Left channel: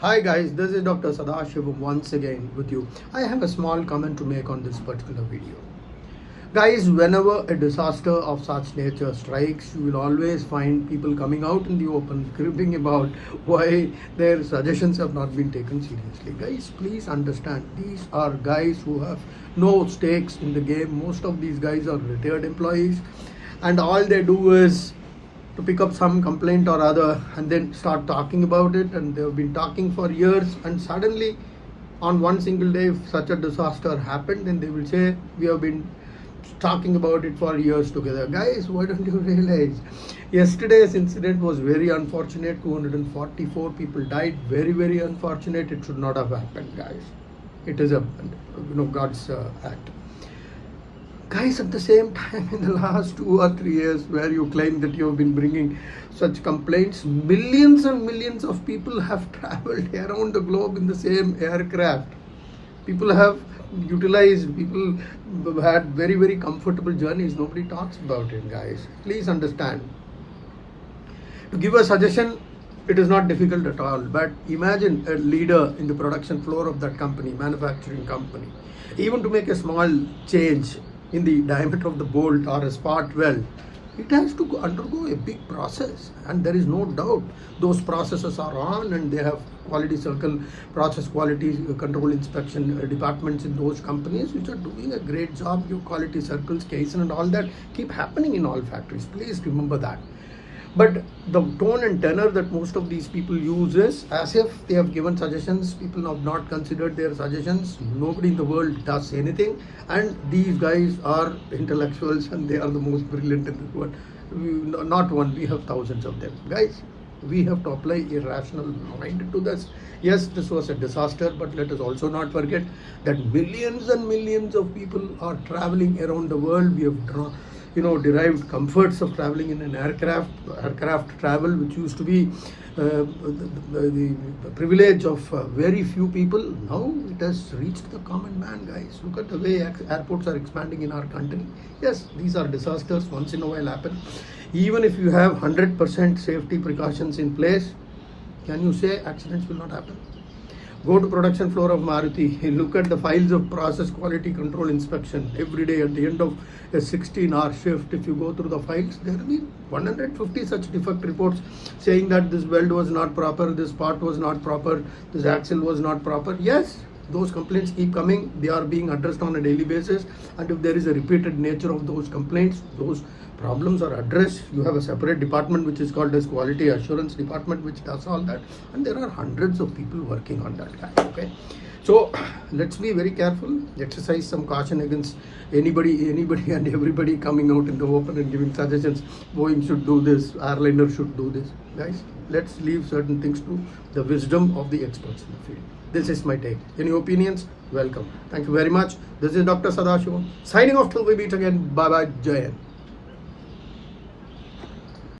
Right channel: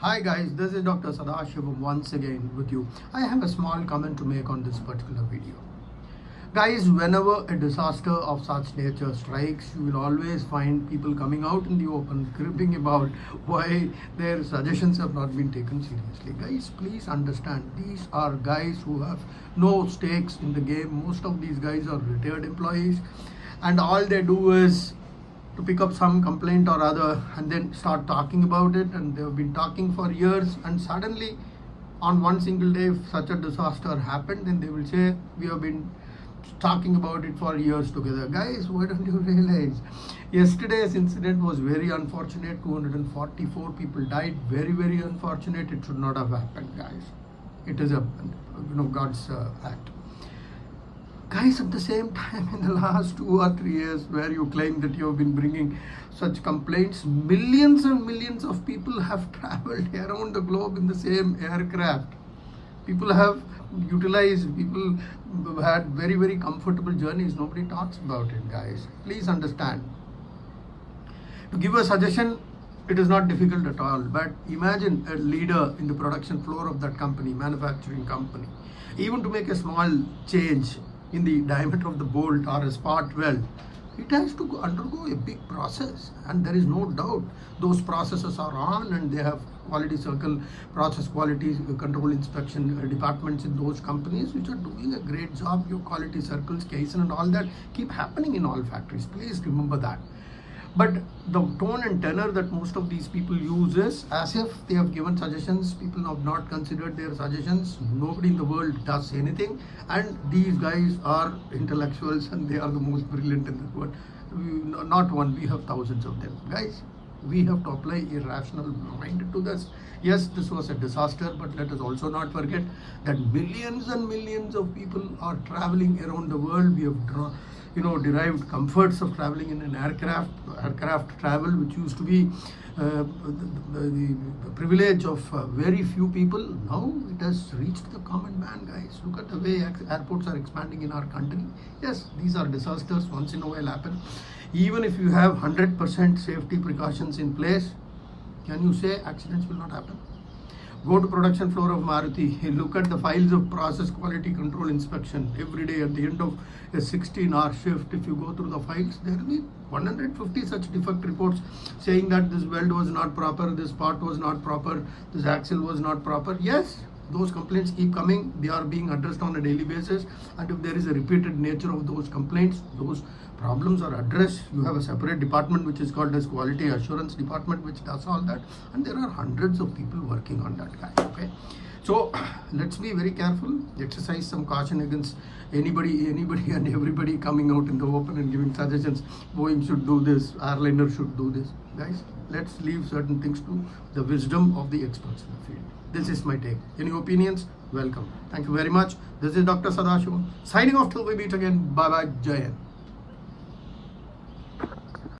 Hi guys, this is Dr. Sadashivam once again with you. I have a small comment to make on this particular video. Guys, whenever a disaster of such nature strikes, you will always find people coming out in the open, cribbing about why their suggestions have not been taken seriously. Guys, please understand, these are guys who have no stakes in the game. Most of these guys are retired employees, and all they do is to pick up some complaint or other and then start talking about it, and they've been talking for years, and suddenly on one single day if such a disaster happened, then they will say we have been talking about it for years together. Guys, why don't you realize yesterday's incident was very unfortunate? 244 people died. Very unfortunate. It should not have happened, guys. It is a God's act. Guys, at the same time, in the last 2 or 3 years where you claim that you have been bringing such complaints, millions and millions of people have traveled around the globe in the same aircraft. People have utilized, people had very comfortable journeys. Nobody talks about it, guys. Please understand. To give a suggestion, it is not difficult at all, but imagine a leader in the production floor of that company, manufacturing company, even to make a small change in the diameter of the bolt or a spot weld, it has to undergo a big process, and there is no doubt those processes are on, and they have quality circle, process quality control inspection departments in those companies which are doing a great job. Your quality circles, Kaizen and all that keep happening in all factories. Please remember that. But the tone and tenor that most of these people use is as if they have given suggestions. People have not considered their suggestions. Nobody in the world does anything, and these guys are intellectuals and they are the most brilliant in this world. Not one, we have thousands of them. Guys, we have to apply a rational mind to this. Yes, this was a disaster, but let us also not forget that millions and millions of people are traveling around the world. We have derived comforts of traveling in an aircraft travel, which used to be the privilege of very few people. Now it has reached the common man, guys. Look at the way airports are expanding in our country. Yes, these are disasters, once in a while happen. Even if you have 100% safety precautions in place, can you say accidents will not happen? Go to production floor of Maruti, look at the files of process quality control inspection every day. At the end of a 16-hour shift, if you go through the files, there will be 150 such defect reports saying that this weld was not proper, this part was not proper, this axle was not proper. Yes, those complaints keep coming. They are being addressed on a daily basis, and if there is a repeated nature of those complaints, those problems are addressed. You have a separate department which is called as quality assurance department, which does all that, and there are hundreds of people working on that, guys. Okay, so let's be very careful, exercise some caution against anybody and everybody coming out in the open and giving suggestions. Boeing should do this, airliner should do this. Guys, let's leave certain things to the wisdom of the experts in the field. This is my take. Any opinions? Welcome. Thank you very much. This is Dr. Sadashivam signing off till we meet again. Bye bye. Jai Hind.